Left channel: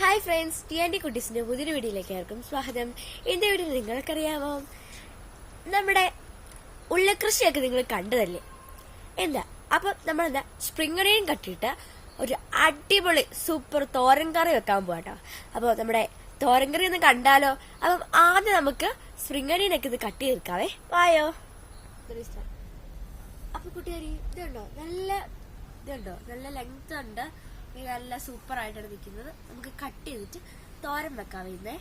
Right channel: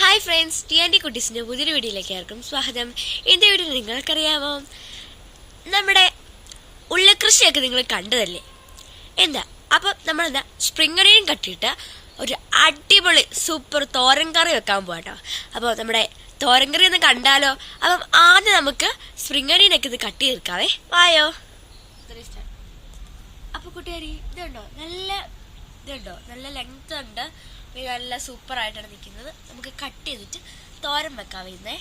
Hi friends, TNT കുട്ടീസിൻ്റെ പുതിയൊരു വീഡിയോയിലേക്ക് ആർക്കും സ്വാഗതം. ഇന്നത്തെ വീഡിയോ നിങ്ങൾക്കറിയാമോ, നമ്മുടെ ഉള്ളക്കൃഷിയൊക്കെ നിങ്ങൾ കണ്ടതല്ലേ? എന്താ അപ്പം നമ്മളെന്താ സ്പ്രിംഗ് ഒനിയൻ കട്ടിയിട്ട് ഒരു അടിപൊളി സൂപ്പർ തോരൻ കറി വെക്കാൻ പോകാട്ടോ. അപ്പോൾ നമ്മുടെ തോരൻ കറി ഒന്ന് കണ്ടാലോ? അപ്പം ആദ്യം നമുക്ക് സ്പ്രിംഗ് ഒനിയനൊക്കെ ഇത് കട്ട് ചെയ്തെടുക്കാവേ. വായോ. അപ്പോൾ കൂട്ടുകാരി ഇതുണ്ടോ, നല്ല ലെങ്ത് ഉണ്ട്, നല്ല സൂപ്പർ ആയിട്ടാണ് നിൽക്കുന്നത്. നമുക്ക് കട്ട് ചെയ്തിട്ട് തോരൻ വെക്കാം ഇന്നേ.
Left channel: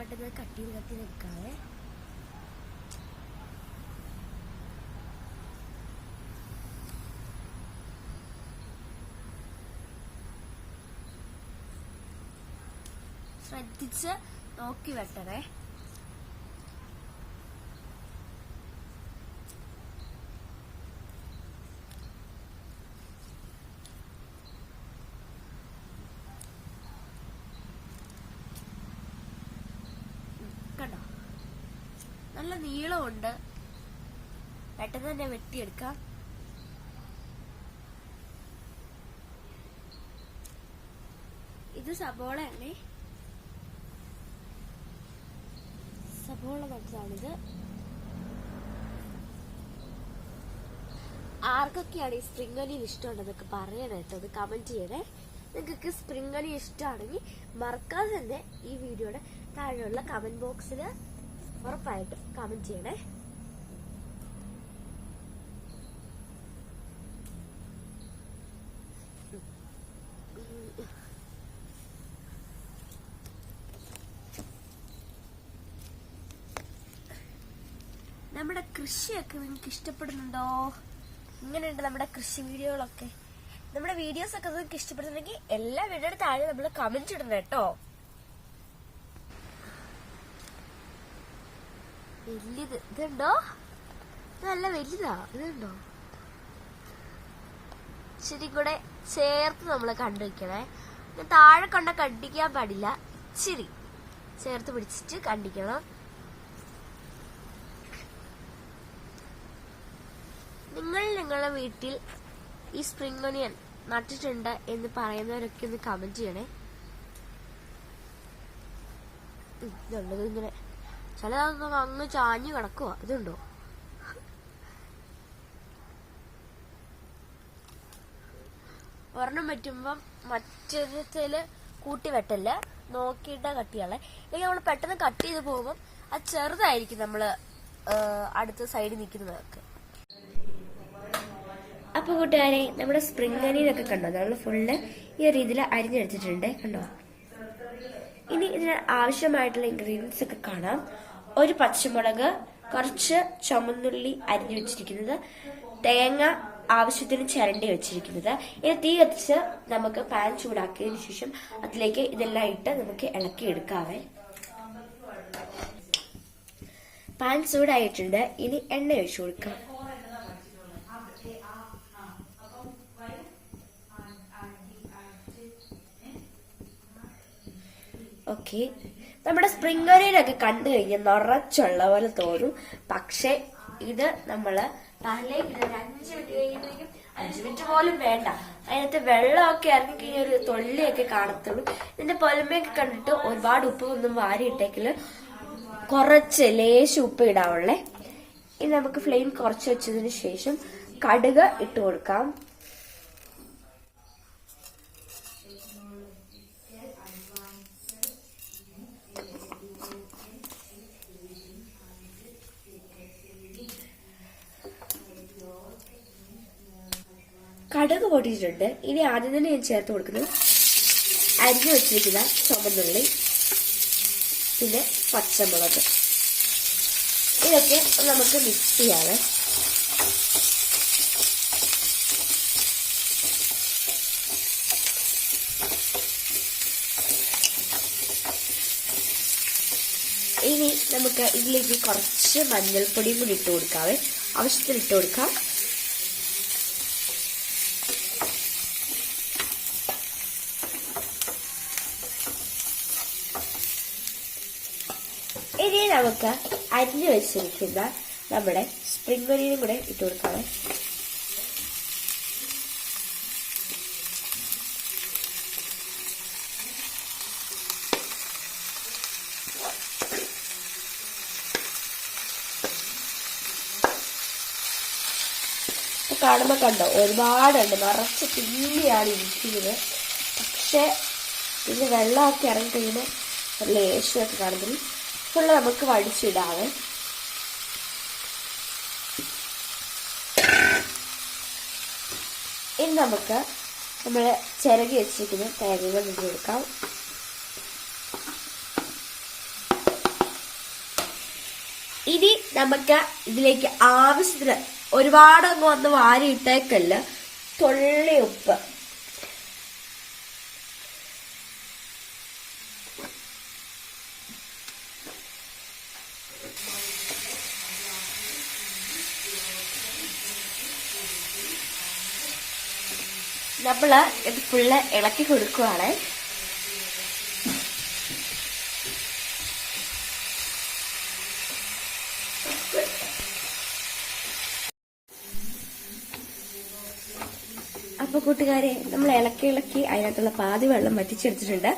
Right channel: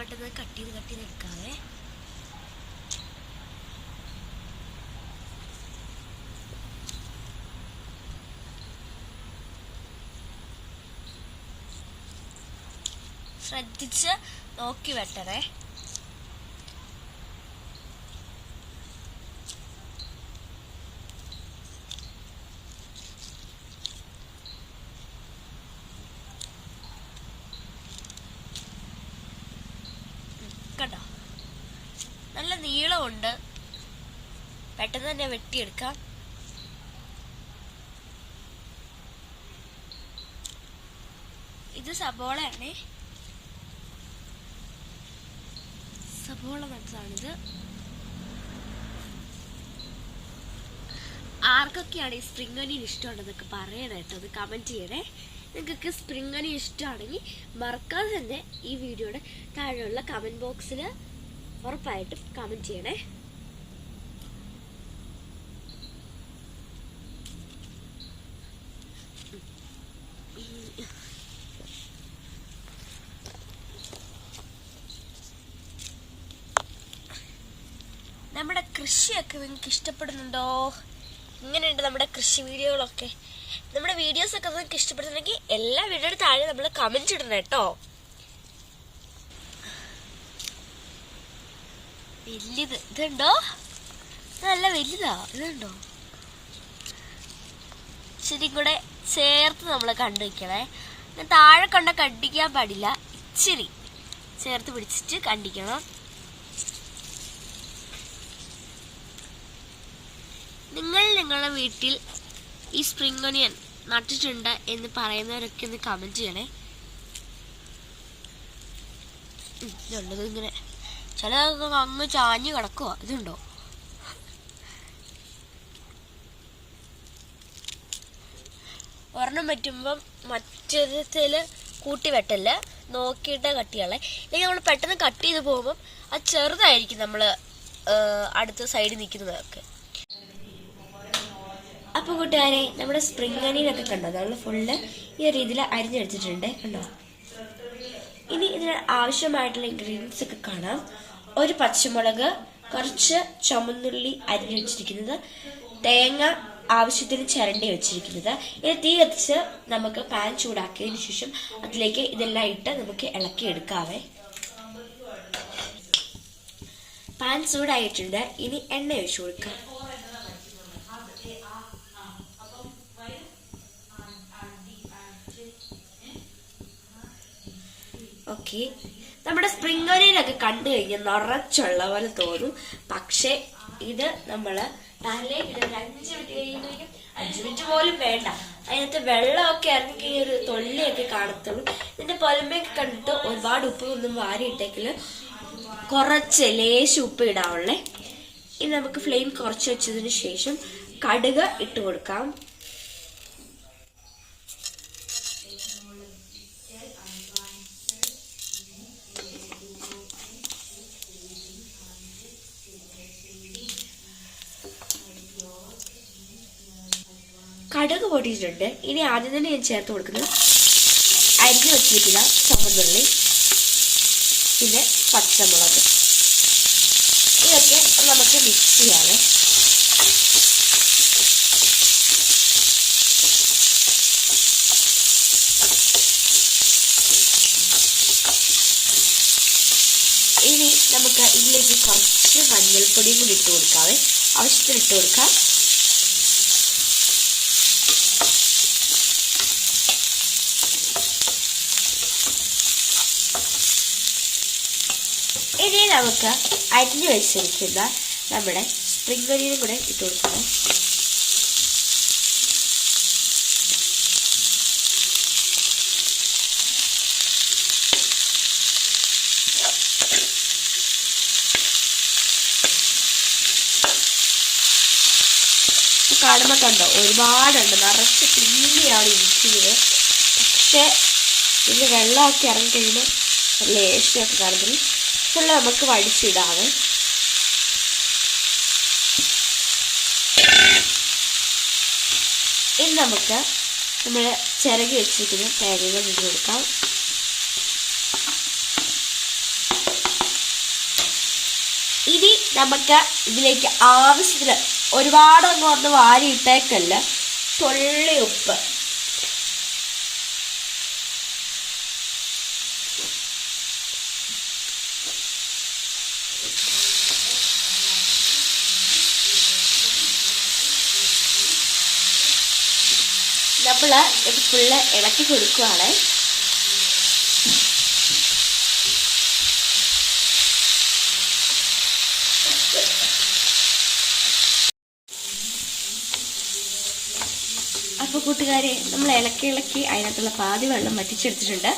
പെട്ടെന്ന് കട്ട് ചെയ്ത് എടുക്കാവേ. ശ്രദ്ധിച്ച് നോക്കി വെട്ടണേ. കണ്ടോ, നല്ല നീളമുണ്ട്, പെട്ടെന്ന് തന്നെ വെട്ടിയെടുക്കാം. ഇത് സബോളയാണേ, സബോള നട്ടതാണിത്. ആർക്കൊക്കെയാണ് ഈ സ്പ്രിംഗ് ഒനിയൻ ഇഷ്ടമുണ്ടെന്നൊക്കെ പറയണേ കേട്ടോ, അത് കമൻറ്റ് ചെയ്യണേ. നിങ്ങൾക്ക് സ്പ്രിംഗ് ഒനിയൻ ഇഷ്ടമാണെങ്കിൽ മറക്കാതെ തന്നെ ഈ വീഡിയോയുടെ താഴെയുള്ള കമൻറ്റ് ബോക്സിൽ ഉറപ്പായിട്ടും കമൻറ്റ് ചെയ്യണേ. നമ്മുടെ കൃഷിയൊക്കെ നിങ്ങൾക്ക് ഇഷ്ടപ്പെടുന്നുണ്ടോ? ഇങ്ങനെയുണ്ട് നമ്മുടെ കൃഷി വീഡിയോകളൊക്കെ. നമ്മുടെ വീഡിയോസൊക്കെ നിങ്ങൾക്ക് ഇഷ്ടപ്പെടുന്നുണ്ടെങ്കിൽ എല്ലാ വീഡിയോയുടെ താഴെ നമ്മൾ കമൻറ്റ് ഇടണം കേട്ടോ. വലുത് ഇതുണ്ടോ, നല്ല വലുതാ. ഇതുണ്ടോ, ശരി കൂടെ ചേർത്ത് നമ്മൾ കണ്ടു വയ്ക്കണേ. താഴെ കണ്ട കണ്ടിക്കാൻ പാടില്ല, ഇച്ചിരി ചേർത്ത് പിടിച്ചിട്ട് കണ്ടിക്കണം. നിങ്ങളുടെ വീട്ടിൽ ഈ സ്പ്രിംഗ് ഒനിയൻ നട്ടിട്ടുണ്ട് എന്ന് പറയുന്നവരൊക്കെ ഒന്ന് കമൻറ്റ് ചെയ്യണേ. ഇതുള്ളത് ഇങ്ങനെ ചില അങ്ങ് ചാഞ്ഞ് കിടക്കുക. ഇതുണ്ടോ, ഒരെണ്ണം പറ്റുമ്പം മറ്റൊരുത്തിൽ കൂട്ടി വെട്ടല്ല, നോക്കിയിട്ട് കട്ട് ചെയ്യാളെ. അല്ലെങ്കിൽ നമ്മൾ പെട്ടെന്ന് കട്ട് ചെയ്ത് പോകുമ്പം അത് ചെറുതായിരിക്കും നമ്മൾ അടുത്ത സൈഡിൽ നിൽക്കുന്നതൊക്കെ. അപ്പോൾ കൂട്ടുകാരെ, നമ്മുടെ സ്പ്രിംഗ് ഒനിയനൊക്കെ കണ്ടോ, നമ്മൾ ഫുള്ള് ഈ രീതിയിൽ അരിഞ്ഞെടുത്തിട്ടുണ്ട് കണ്ടോ. ഇനി ഇതിന് ആവശ്യമായിട്ടുള്ള ഇൻഗ്രീഡിയൻസ് ഒക്കെ കാണാം. ഒരു പച്ചമുളക്, കുറച്ച് ചുമന്നുള്ളി അരിഞ്ഞു വെച്ചിരിക്കുന്നത്, തേങ്ങ ആവശ്യത്തിന് ചിരണ്ടി വെച്ചിരിക്കുന്നത്. ഇനി തീ കത്തിച്ച് നമുക്ക് പാൻ ചൂടാക്കിയതിന് ശേഷം അതിലേക്ക് ഇതെല്ലാം ഇട്ട് നമുക്ക് ഇളക്കി എടുക്കാവേ. പാൻ ചൂടായിട്ടുണ്ട്, ഇനി എണ്ണ ഒഴിച്ചു കൊടുക്കാം. ഓക്കെ, നമ്മുടെ സ്പ്രിംഗ് ഒനിയനൊക്കെ കണ്ടു കഴിഞ്ഞാൽ നിറച്ചുള്ള പോലെ തോന്നും. പക്ഷെ ഇത് നമ്മൾ പാനിലേക്ക് ഇടുന്ന 5 മിനിറ്റ് കഴിയുമ്പോഴേക്കും, 5 മിനിറ്റ് പോലും വേണ്ട, അതിനകത്ത് വെള്ളമൊക്കെ ഇറങ്ങി ഒരു തൊള്ളിയൊക്കെ കാണത്തുള്ളൂ. ഇതിന്റെ പൊലമയൊക്കെ കണ്ടിട്ട് ഒരുപാട് ഉപ്പ് ഒന്നും വാരിയിട്ടെങ്കിൽ കുറച്ച് ലേശം ഉപ്പ് ഇടാവുള്ളേ. ഇനി നമുക്ക് ഫ്ലെയിം കുറച്ച് വെച്ചതിന് ശേഷം കടുക് ഇട്ട് കൊടുക്കാം. കടുക് പൊടിയിട്ടുണ്ട്. ഇനി ആദ്യം തന്നെ ഞാൻ ചേർത്ത് കൊടുക്കുന്നത് അരിഞ്ഞു വെച്ചിരിക്കുന്ന ചുവന്നുള്ളി, പിന്നെ പച്ചമുളക്. ഇതൊക്കെ നമുക്ക് മിക്സ് ചെയ്യാതെ. ഇനി നമുക്ക് ഇതിലേക്ക് കുറച്ച് മഞ്ഞൾപ്പൊടിയും കൂടി ഇട്ട് കൊടുക്കാവേ, ആവശ്യത്തിന് ഇട്ട് കൊടുക്കാം. ഇനി നമുക്ക് അരിഞ്ഞു വെച്ചിരിക്കുന്ന നമ്മുടെ സ്പ്രിംഗ് ഒനിയനും കൂടെ ഇട്ട് കൊടുക്കാം. കാണുമ്പോൾ കണ്ടോ ഒരുപാടുണ്ട്, നിറച്ച് പിന്നെയാണ് ഇരിക്കുന്നത്. പക്ഷേ ഇതിന് വെള്ളമൊക്കെ ഇറങ്ങിക്കഴിയുമ്പോൾ ലേശമൊക്കെ കാണുമ്പോൾ ഫുള്ള് നമുക്ക് വടിച്ചിടാതെ. ഇനി നമുക്ക് നമ്മൾ ചിരകി വെച്ചിരിക്കുന്ന തേങ്ങ ഇട്ട് കൊടുക്കാം. ഇനി നമുക്ക് ഇതിലേക്ക് ആവശ്യത്തിന് ഒരുപാടങ്ങ് വന്ന് വാരിയിട്ടേക്കല്ല, തുള്ളി ഉപ്പ്. നമ്മൾ ഇത് ഫുള്ള് ഇളക്കി കൊടുക്കുകയാണ്. അപ്പോൾ കൂട്ടുകാരെ, നമ്മൾ ഇളക്കി അതിനകത്തുള്ള പാതി വെള്ളം വറ്റിച്ചെടുത്തിട്ടുണ്ട്.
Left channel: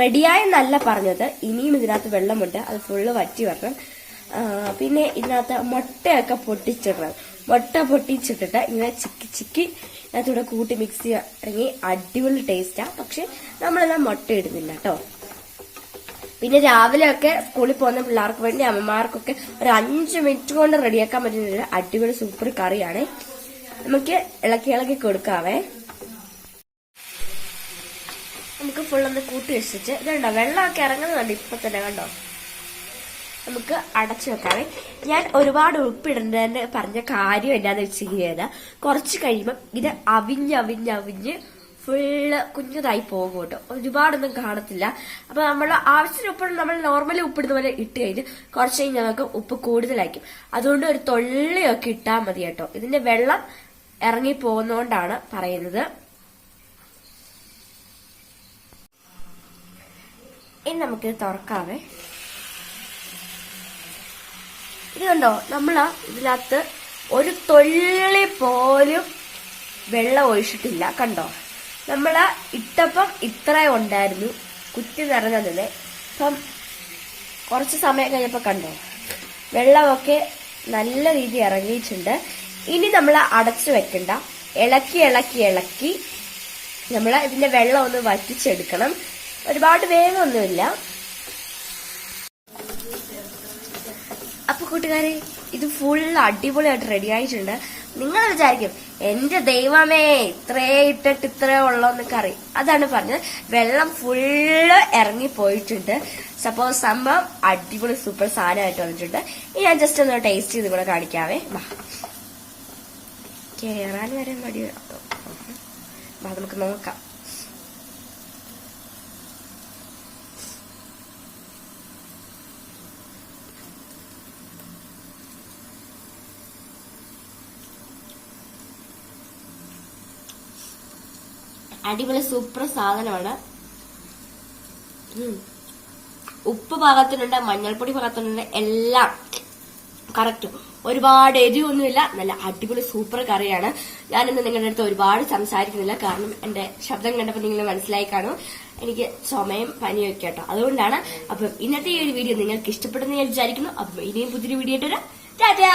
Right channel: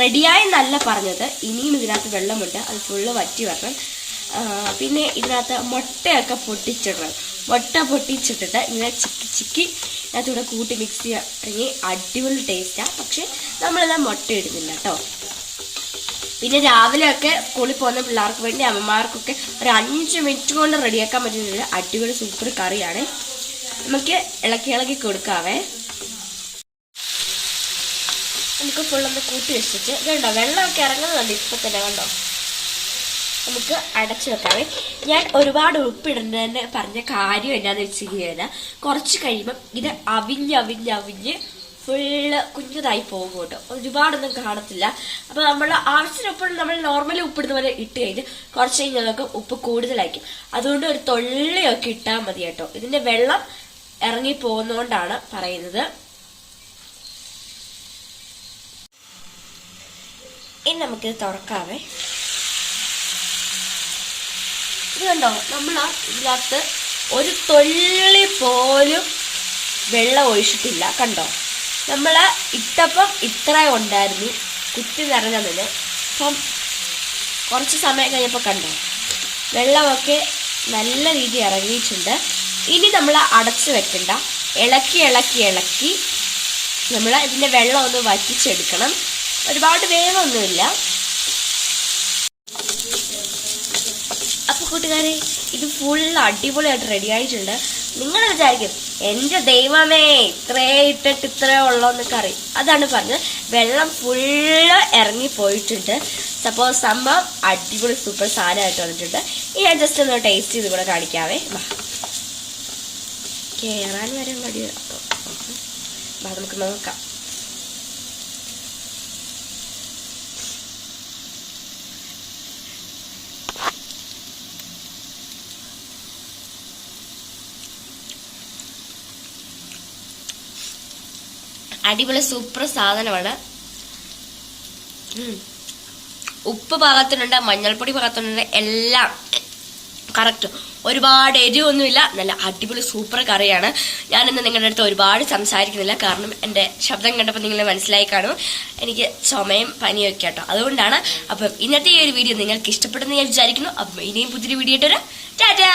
റെഡിയായെന്നല്ല പറഞ്ഞത്, ഇനിയും ഇതിനകത്ത് വെള്ളമുണ്ട്, അത് ഫുള്ള് വറ്റി വരണം. പിന്നെ ഇതിനകത്ത് മുട്ടയൊക്കെ പൊട്ടിച്ചിടണം. മുട്ട പൊട്ടിച്ചിട്ടിട്ട് ഇങ്ങനെ ചിക്കി അതിനകത്തൂടെ കൂട്ടി മിക്സ് ചെയ്യണമെങ്കിൽ അടിപൊളി ടേസ്റ്റാണ്. പക്ഷെ നമ്മളെല്ലാം മുട്ട ഇടുന്നില്ല കേട്ടോ. പിന്നെ രാവിലെയൊക്കെ സ്കൂളിൽ പോകുന്ന പിള്ളേർക്ക് വേണ്ടി അമ്മമാർക്കൊക്കെ ഒരു 5 മിനിറ്റ് കൊണ്ട് റെഡിയാക്കാൻ പറ്റുന്ന അടിപൊളി സൂപ്പർ കറിയാണ്. നമുക്ക് ഇളക്കി കൊടുക്കാവേ. നമുക്ക് ഫുള്ളൊന്ന് കൂട്ടി വെച്ചിട്ട് ഇതുണ്ടോ വെള്ളമൊക്കെ ഇറങ്ങുന്നുണ്ട് ഇപ്പം തന്നെ, കണ്ടോ. നമുക്ക് അടച്ചു വെക്കാവേ. ഞാൻ ഒരുപാട് ഉപ്പിടേണ്ടതെന്ന് പറഞ്ഞ കാര്യം എന്നാന്ന് വെച്ചിരിക്കുകയില്ല, കുറച്ച് കഴിയുമ്പം ഇത് അവിഞ്ഞ് ഫുള്ള് കുഞ്ഞതായി പോകും കേട്ടോ, ഒരുപാടൊന്നും കാണത്തില്ല. അപ്പോൾ നമ്മൾ ആവശ്യത്തിന് ഉപ്പ് നമ്മൾ നോർമലി ഉപ്പിടുന്ന പോലെ ഇട്ട് കഴിഞ്ഞ് കുറച്ച് കഴിഞ്ഞ് നമുക്ക് ഉപ്പ് കൂടുതലായിരിക്കും. അതുകൊണ്ട് ഒരു തൊള്ളിയൊക്കെ ഇട്ടാൽ മതി കേട്ടോ. ഇതിന്റെ വെള്ളം ഇറങ്ങി പോകുന്നോണ്ടാണ് പറയുന്നത്. ഇനി നമുക്കിത് തുറക്കാവേ. ഇത് കണ്ടോ, നമ്മൾ ഇതിനകത്ത് ഒരു തുള്ളി പോലും വെള്ളം ഒഴിച്ചിട്ടില്ല. കണ്ടോ, നമ്മൾ ഇട്ടപ്പം ഇത്ര ഉണ്ടായിരുന്നു, കുത്തി നിറഞ്ഞതിന്. അപ്പം കുറച്ച് സമയം കഴിഞ്ഞപ്പോൾ കണ്ടോ വെള്ളമൊക്കെ നല്ല രീതിയിൽ ഇറങ്ങിയിട്ടുണ്ട്. ഇനി നമ്മൾ അടച്ചു വെക്കണ്ട, ഇളക്കി നമ്മൾ ഇതിൻ്റെ വെള്ളം ഒന്ന് വറ്റിച്ചെടുക്കണം. ഒരുപാട് വേഗമൊന്നുമില്ല. അപ്പോൾ കൂട്ടുകാരെ, ഇത് ഫുൾ അടിപൊളിയായിട്ട് റെഡി ആയിട്ടുണ്ട്. നിങ്ങൾ വിചാരിക്കും എൻ്റെ ദൈവമേ ഇത്രേ ഇട്ടിട്ട് ഇത്രേ ഉള്ളോന്ന് കറി. അതാണ് പറഞ്ഞത്, വെള്ളം ഫുള്ള് ഇറങ്ങിപ്പോയിട്ടുണ്ട്. സപ്പോസ് സംഭവം അടിപൊളി സൂപ്പർ സാധനമായിട്ട് വന്നിട്ടുണ്ട്. ഇനി ഞാൻ ജസ്റ്റ് ഒന്ന് ടേസ്റ്റ് ചെയ്ത് കൂടെ കാണിക്കാവേ. കേറാൻ വരെ മടി കേട്ടോ. നമുക്ക് നോക്കാം. അടിപൊളി സൂപ്പർ സാധനമാണ്. ഉപ്പ് പാകത്തിനുണ്ട്, മഞ്ഞൾപ്പൊടി പാകത്തിനുണ്ട്, എല്ലാം കറക്റ്റ്. ഒരുപാട് എരിവൊന്നുമില്ല, നല്ല അടിപൊളി സൂപ്പർ കറിയാണ്. ഞാനിന്ന് നിങ്ങളുടെ അടുത്ത് ഒരുപാട് സംസാരിക്കുന്നില്ല, കാരണം എൻ്റെ ശബ്ദം കണ്ടപ്പോൾ നിങ്ങൾ മനസ്സിലായി കാണും എനിക്ക് ചുമയും പനിയൊക്കെ കേട്ടോ, അതുകൊണ്ടാണ്. അപ്പം ഇന്നത്തെ ഈ ഒരു വീഡിയോ നിങ്ങൾക്ക് ഇഷ്ടപ്പെടുന്ന ഞാൻ വിചാരിക്കുന്നു. അപ്പം ഇനിയും പുതിയൊരു വീഡിയോ ഇട്ടൊരു ടാറ്റാ.